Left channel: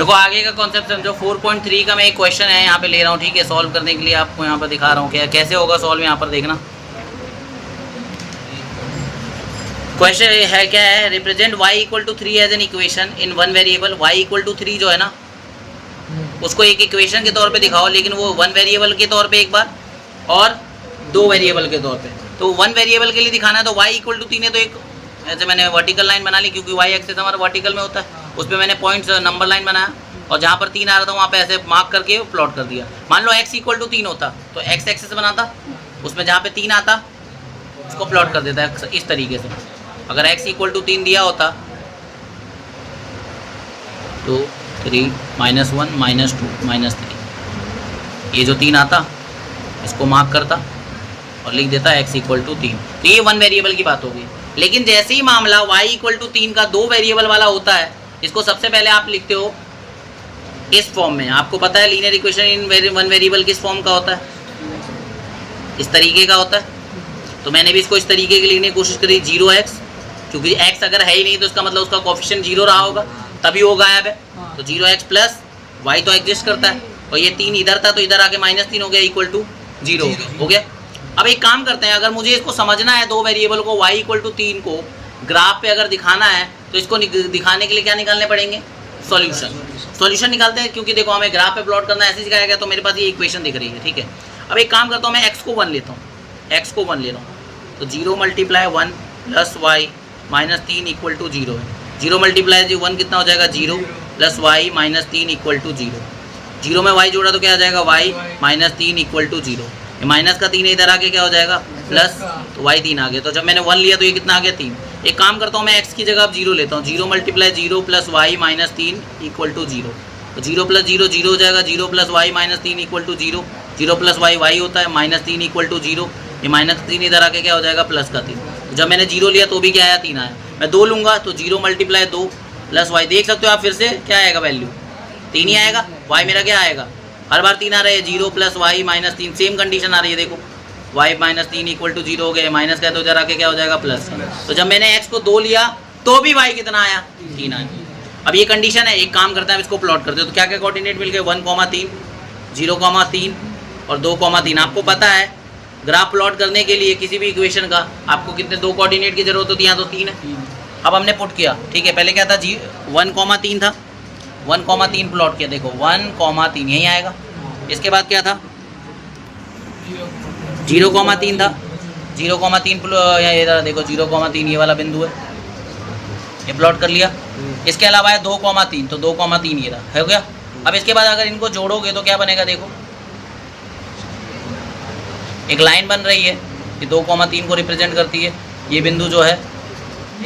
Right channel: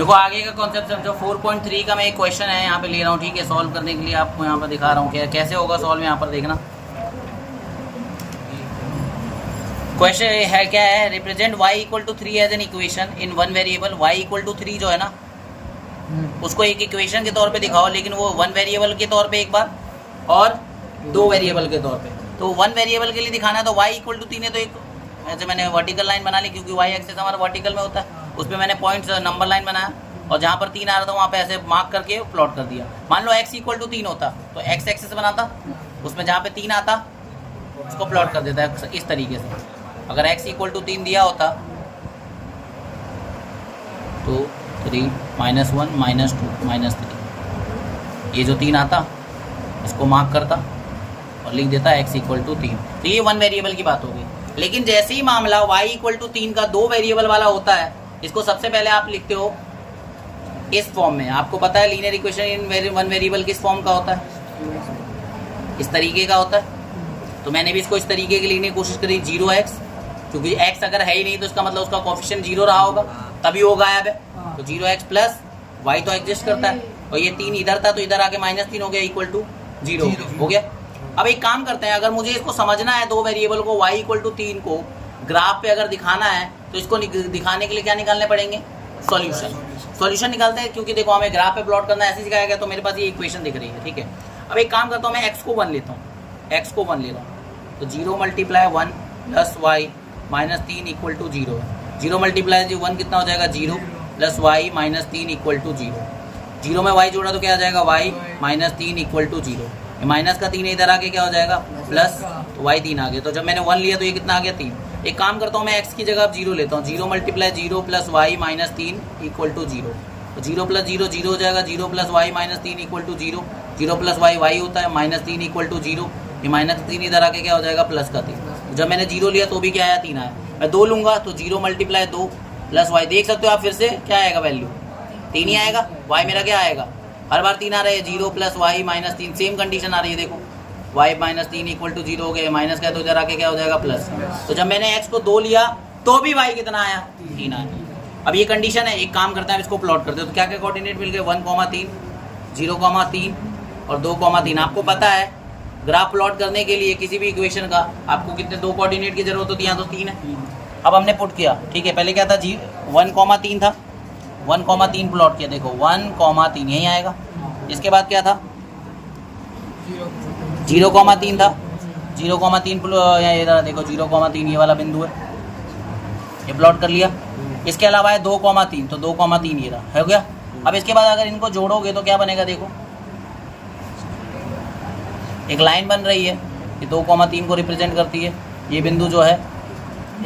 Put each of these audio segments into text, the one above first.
देखो आगे का कॉन्सेप्ट समझो। 4.3 का मैं एक क्वेश्चन है यहाँ पे ले रहा हूँ, ठीक है, सॉल्व करने के लिए आपको यहाँ पर दिखा रहा हूँ कैसे होगा सॉल्व। यहाँ पर देखना क्वेश्चन है क्या है, represent y equal to 3 as an equation in one variable. y equal to 3 जो है ना उसको एक इक्वेशन के तौर पे दिखाओ, लेकिन वो वन वेरिएबल के तौर पे एक बार और दो वेरिएबल के तौर पे। तो वन वेरिएबल के लिए दिखाना है तो y इक्वल टू 3 है, तो एक ऐसे मैंने वर्टिकल लाइन बना ली क्योंकि y एक्सेस हमारा वर्टिकल में होता है, उस पर मैंने पॉइंट्स नंबर लाइन बनाया और जहाँ पर 3 आ रहा था वहाँ पे ऐसे मार्क करके प्लॉट कर दिया। मान लो x इक्वल टू 3 होता तो x एक्सेस बनाता, उसमें जहाँ पे 3 आता उसको प्लॉट कर देता है इस तरीके से। अगर x इक्वल टू 3 दिया होता तो 3 -1 -2 -3, ये जो 3 आता इसको मार्क करता और लिख देता x इक्वल टू 3। तो ये वन वेरिएबल की बात होगी। लेकिन जैसे ही मामला y इक्वल टू 3 का दो वेरिएबल वाला होता है, इसको सबसे पहले आप लिखते हो इस फॉर्म में। आपको पता है linear equation in one variable किस फॉर्म का होता है, इस तरीके का होता है। तो मैंने भी इसको इस तरीके की लिखने की कोशिश करी 0x, क्योंकि x अगर है ही नहीं तो इसका मतलब उसका कोफिशिएंट 0 रहा होगा, तभी वो गायब है। तो 0x प्लस y तो एग्जिस्ट करता है और ये 3 इधर था तो इधर आके -3 हो गया इक्वल टू 0 हो गया। अब एक काम करते हैं, अगर मुझे इसको समझना है दो वेरिएबल को y इक्वल टू 3 को ग्राफ पे अगर दिखाना है तो इसको दिखाने के लिए क्या निकालने पड़ेंगे, सॉल्यूशन निकालते हैं। क्योंकि देखो हमें ग्राफ पे प्लॉट करना ऐसे सिखाया गया, तो मेरे पास ये इक्वेशन दिख रही है, ठीक है। अब एक काम करता हूँ, मैं x को 1 लेता हूँ, x को 1 ले रहा हूँ, तो 0 × 1 प्लस y -3 इक्वल टू 0 है। 0 × 1 कितना हो जाएगा, 0 प्लस y -3 इक्वल टू 0। 0 में y जोड़ा तो क्या आ जाएगा, y -3 इक्वल टू 0। ये माइनस का 3 इधर आके क्या हो जाएगा प्लस, तो y 3 आ गया। तो जब मैंने 1 लिया तो ये कितना आ गया 3। एक काम करता हूँ, मैं x की जगह अब 0 लेता हूँ, 0 × 0 प्लस y -3 इक्वल टू 0। तो 0 प्लस 0 0 हो जाएगा, 0 plus y -3 equal to 0। 0 plus y y होता है, -3 इक्वल टू 0। ये -3 इधर आके क्या हो जाएगा प्लस का 3। जब मैंने 0 लिया तो भी क्या आया 3 आया। मैं 2 लूँगा तो 0 × 2 प्लस y, देख सकते हो आप फिर से क्या आएगा वैल्यू 3 ही आएगा। y मेरा क्या आएगा, हर बार 3 आ रहा है, 0 प्लस y -3, सेम कंडीशन आ रही है। देखो y -3 इक्वल टू 0 हो गया, माइनस का तो इधर आके क्या हो जाएगा प्लस। तो जब मैंने x को 2 लिया तो भी y कितना आया 3 आया। अब ये कंडीशन है, एक काम करते हैं इसको प्लॉट करते हो। तो क्या क्या कोऑर्डिनेट मिल गए, 1,3 0,3 और 2,3। आपको पता है ग्राफ प्लॉट करने के लिए किसी भी इक्वेशन का आपको कितने दो कोऑर्डिनेट की जरूरत होती है, यहाँ तो 3 है। अब हमने पुट किया, ठीक है, पहले क्या था 1,3 था, 1,3 प्लॉट किया, देखो 1,3 यहीं आएगा। इसके बाद क्या था 0,3 था, 0,3 देखो 0,3 ये वाला बिंदु है, ये प्लॉट कर लिया। इसके अलावा है 2,3, तो 2,3 ये रहा, हो गया। अब इसके बाद अगर इनको जोड़ोगे तो क्या बनेगा, देखो एक लाइन बन रही है, ये 2,3 को रिप्रेजेंट करती है, ये बिंदु जो है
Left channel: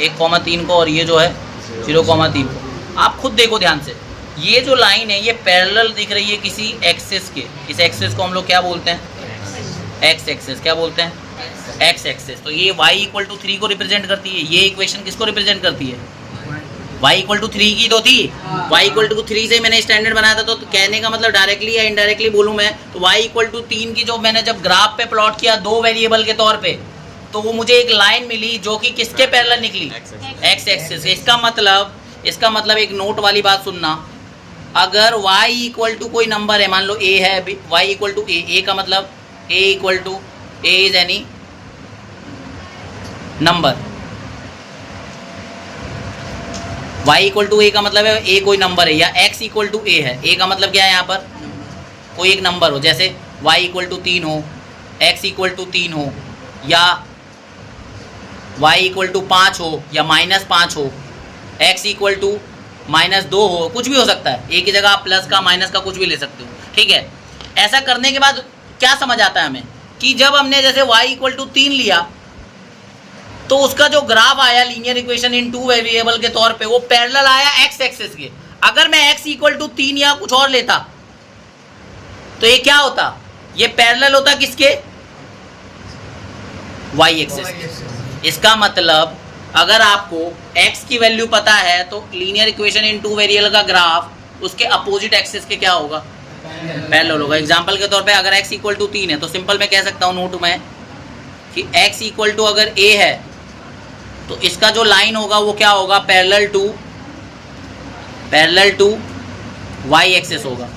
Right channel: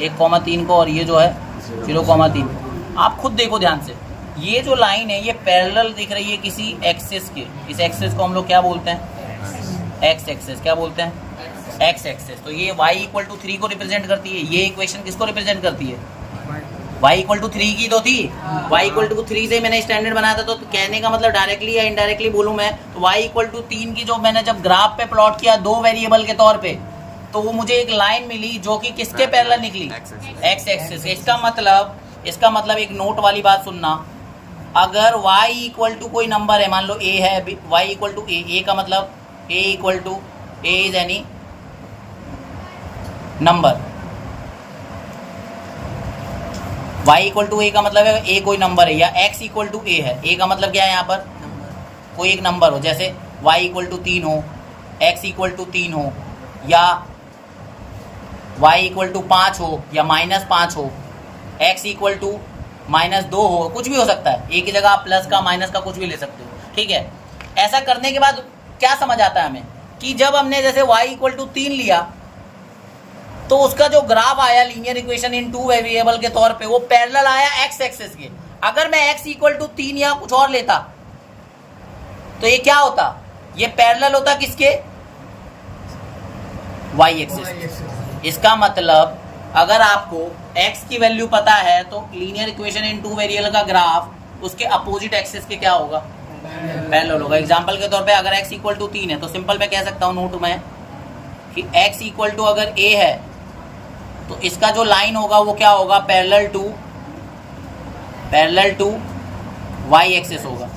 1,3 को और ये जो है 0,3 को। आप खुद देखो ध्यान से, ये जो लाइन है ये पैरेलल दिख रही है किसी एक्सिस के। इस एक्सिस को हम लोग क्या बोलते हैं, एक्स एक्सिस। क्या बोलते हैं, एक्स एक्सिस। तो ये y इक्वल टू 3 को रिप्रेजेंट करती है। ये इक्वेशन किसको रिप्रेजेंट करती है, y इक्वल टू 3 की तो थी, y इक्वल टू 3 से मैंने स्टैंडर्ड बनाया था। तो कहने का मतलब डायरेक्टली या इनडायरेक्टली बोलूँ मैं तो y इक्वल टू 3 की जो मैंने जब ग्राफ पे प्लॉट किया दो वेरिएबल के तौर पे, तो वो मुझे एक लाइन मिली जो कि किसके पैरेलल निकली, एक्स एक्सिस। इसका मतलब एक नोट वाली बात सुनना, अगर y इक्वल टू कोई नंबर है, मान लो a है, y इक्वल टू a का मतलब a equal to a is any number, y equal to a का मतलब है a कोई नंबर है, या x इक्वल टू a है। a का मतलब क्या है, यहाँ पर कोई एक नंबर हो, जैसे y इक्वल टू 3 हो, x इक्वल टू 3 हो, या y इक्वल टू 5 हो, या -5 हो, x इक्वल टू -2 हो, कुछ भी हो सकता है। एक ही जगह आप प्लस का माइनस का कुछ भी ले सकते हो, ठीक है। ऐसा करने के बाद क्या समझ आता है हमें कि जब हमने जैसे y इक्वल टू 3 लिया तो उसका जो ग्राफ आया linear equation in two variable के तौर पे वो पैरेलल आया एक्स एक्सिस के। अगर मैं x इक्वल टू 3 या कुछ और लेता तो ये क्या होता, ये पैरेलल होता किसके, y एक्सिस। इसका मतलब अगर आपको x की वैल्यू पता है तो linear equation in two variable का ग्राफ उसके अपोजिट एक्सिस के क्या होगा, पैरेलल होगा। एग्जांपल के तौर पे अगर x इक्वल टू 3 है तो सिंपल मैं कह सकता हूँ नोट में कि x इक्वल टू अगर a है तो इसका जो लाइन होगा वो क्या होगा, पैरेलल टू वाई एक्सेस होगा।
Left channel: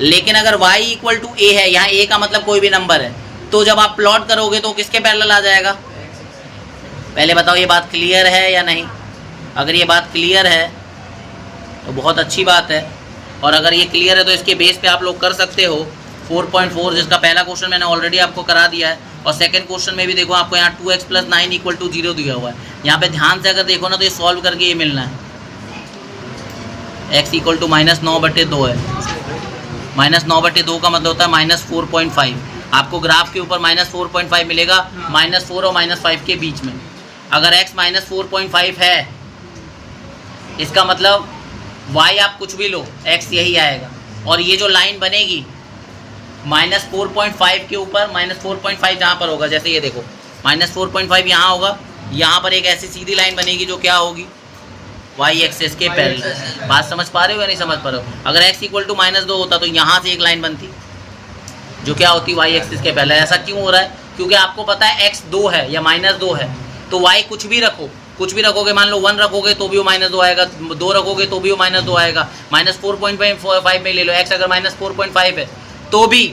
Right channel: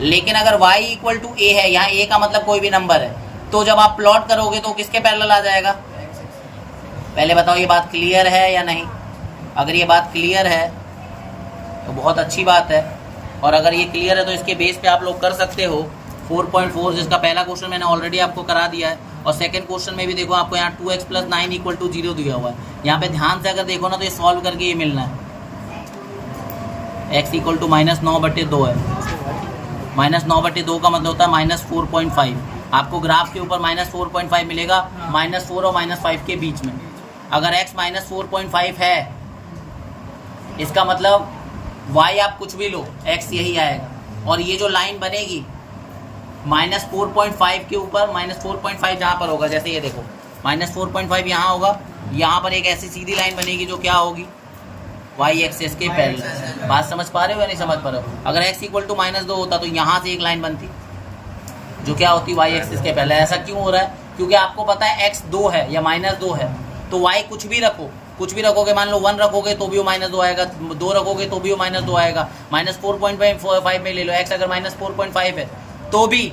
लेकिन अगर y इक्वल टू ए है, यहाँ a का मतलब कोई भी नंबर है, तो जब आप प्लॉट करोगे तो किसके पैरेलल आ जाएगा? पहले बताओ ये बात क्लियर है या नहीं? अगर ये बात क्लियर है तो बहुत अच्छी बात है, और अगर ये क्लियर है तो इसके बेस पे आप लोग कर सकते हो 4.4, जिसका पहला क्वेश्चन मैंने ऑलरेडी आपको करा दिया है, और सेकंड क्वेश्चन में भी देखो आपको यहाँ 2x + 9 = 0 दिया हुआ है। यहाँ पे ध्यान से अगर देखो ना तो ये सॉल्व करके ये मिलना है, x = -9/2 है। -9/2 का मतलब होता है -4.5। आपको ग्राफ के ऊपर -4.5 मिलेगा, -4 और -5 के बीच में। अगर x -4.5 है, इसका मतलब y आप कुछ भी लो, x यही आएगा। और ये जो लाइन बनेगी -4.5 के ऊपर, -4.5 जहाँ पर होगा, जैसे ये देखो -4.5 यहाँ होगा, यहाँ पर एक ऐसी सीधी लाइन बनेगी जो क्या होगी? y एक्सेस के पैरेलल। बात समझ पा रहे हो या नहीं समझ पा रहे हो? अगर x = -2 होता तो यहाँ से एक लाइन बनती जो क्या होती? y एक्सेस के पैरेलल। ऐसा क्यों हो रहा है? क्योंकि आपको पता है x 2 है या -2 है, तो y कुछ भी रखो, कुछ भी रखोगे, मान लो 1 रखोगे तो भी वो -2 आएगा, 2 रखोगे तो भी वो -2 आएगा, -4.5 में ले लो। x अगर -4.5 है तो भी,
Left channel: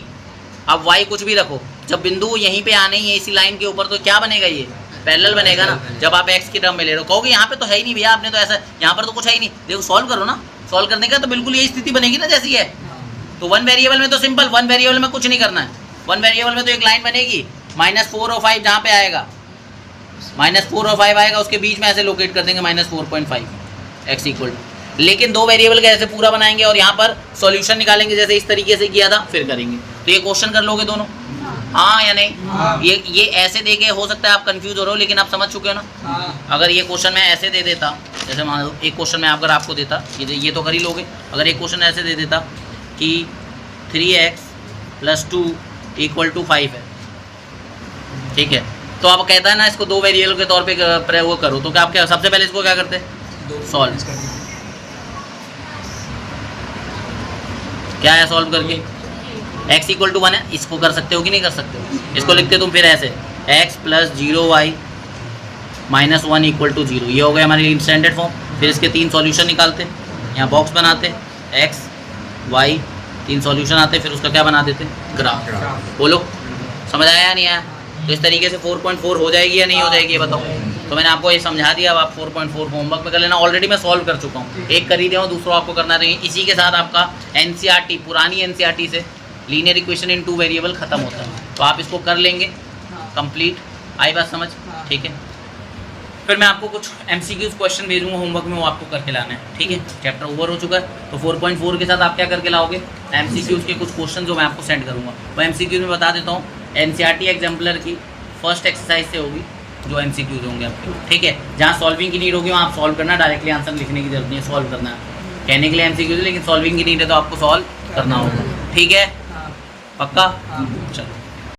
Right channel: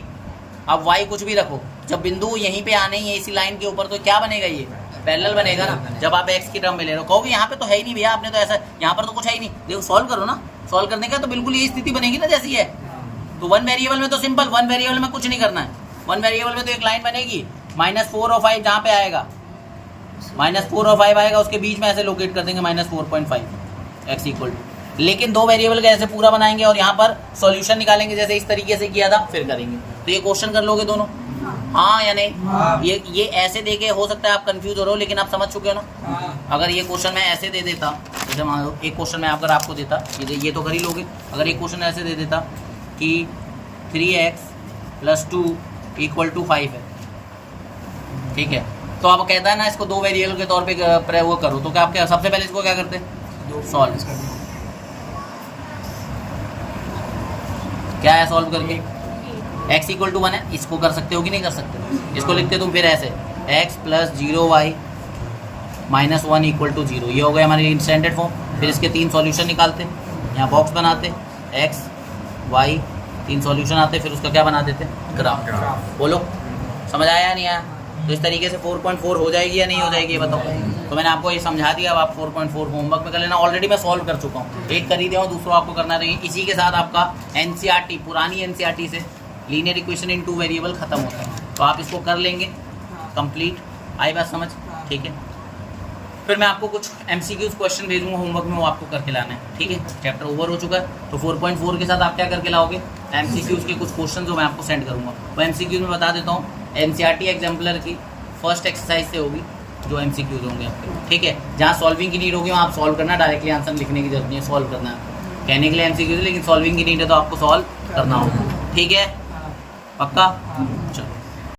अब y कुछ भी रखो, जब बिंदु यहीं पे आने ही है इसी लाइन के ऊपर, तो क्या बनेगा? ये पैरेलल बनेगा ना। जब आप x की टर्म में ले रहे हो, कहोगे यहाँ पे तो है ही नहीं भैया, आपने तो ऐसा, यहाँ पर तो कुछ है ही नहीं। देखो सॉल्व करो ना, सॉल्व करने का तो बिल्कुल यही स्थिति बनेगी ना जैसी है। तो 1 वेरिएबल में तो सिंपल, 1 वेरिएबल में कुछ नहीं करना है। 1 वेरिएबल में तो एक लाइन बनेगी, -4 और 5 जहाँ पे आएगा, -4 और 5 आएगा, उसके बीच में ऐसे लोकेट कर देंगे -4.5 x =। लेकिन 2 वेरिएबल का ऐसे पूरा बनाएंगे और यहाँ पर सॉल्यूशन निकालेंगे, जैसे इस तरीके से किया था, फिर करेंगे। तो ये क्वेश्चन कर लोगे दोनों, हाँ या नहीं? हाँ। ये ऐसे दे के हो सकता है आप कंफ्यूज हो रहे हो, लेकिन आप समझ चुके हो ना। हाँ। अगर ये क्वेश्चन मैं ऐसे दे देता, जैसे मान लो एक क्वेश्चन मैं अगर आपको देता, ये तो कर ही लोगे। अगर एक क्वेश्चन ऐसे दे देता कि 3x + 2 = 5 है, ठीक है, तो आप कहता है ना इसको 2 वेरिएबल के तौर पे वो करो, तो क्या आप क्या सबसे पहले इसको क्या करते? सॉल्व। क्या है सॉल्व करके? x = 1 है, इसको कर सकते हो कि नहीं कर सकते हो? इसको लिखते तुम फिर ऐसे, x + 0y - 1 = 0। ये हो गया हमारी स्टैंडर्ड फॉर्म। फिर इसके 3 सॉल्यूशन निकालते, यहाँ बॉक्स बनाते, x y 3 सॉल्यूशन आते, फिर उसका क्या बना देते? ग्राफ। बोलो समझ आया या नहीं आया? तो इस तरीके से 4.4 हो जाएगी या नहीं हो जाएगी, ये बताओ। तो मैंने आपको ये समझा दिया, अब आप 4.4 होमवर्क में कर लेना। ऑलरेडी मैं सॉल्व कर चुका हूँ, एक कर ही दिया हूँ, दूसरा आपको करना है। तो इसी के साथ आपका NCERT, पुरानी NCERT से लीनियर इक्वेशन इन 2 वेरिएबल खत्म होता है। तो आप इसको कर लेंगे कंप्लीट। आई बात समझ? ठीक है। फिर मैं आपको कुछ MCQs क्वेश्चन भेजूंगा होमवर्क में, वो आपको करके लाना है, ठीक है। चैप्टर ओवर हो चुका है, तो 4.4 के साथ आप क्या करके लाओगे? MCQs के कुछ क्वेश्चन जो मैं आपको सेंड करूँगा, वो MCQs में बता देता हूँ। NCERT एग्जाम्पलर की फर्स्ट एक्सरसाइज से होगी जो MCQs होंगे आपके, ठीक है। जहाँ सॉल्विंग की नीड होगी वहाँ आप सॉल्व करना, डायरेक्टली आंसर लिखने की जरूरत नहीं है, सॉल्व करना है। कहने के लिए MCQs, लेकिन सॉल्विंग की नीड है तो आपको सॉल्व करना होगा, ठीक है। पक्का? चलो।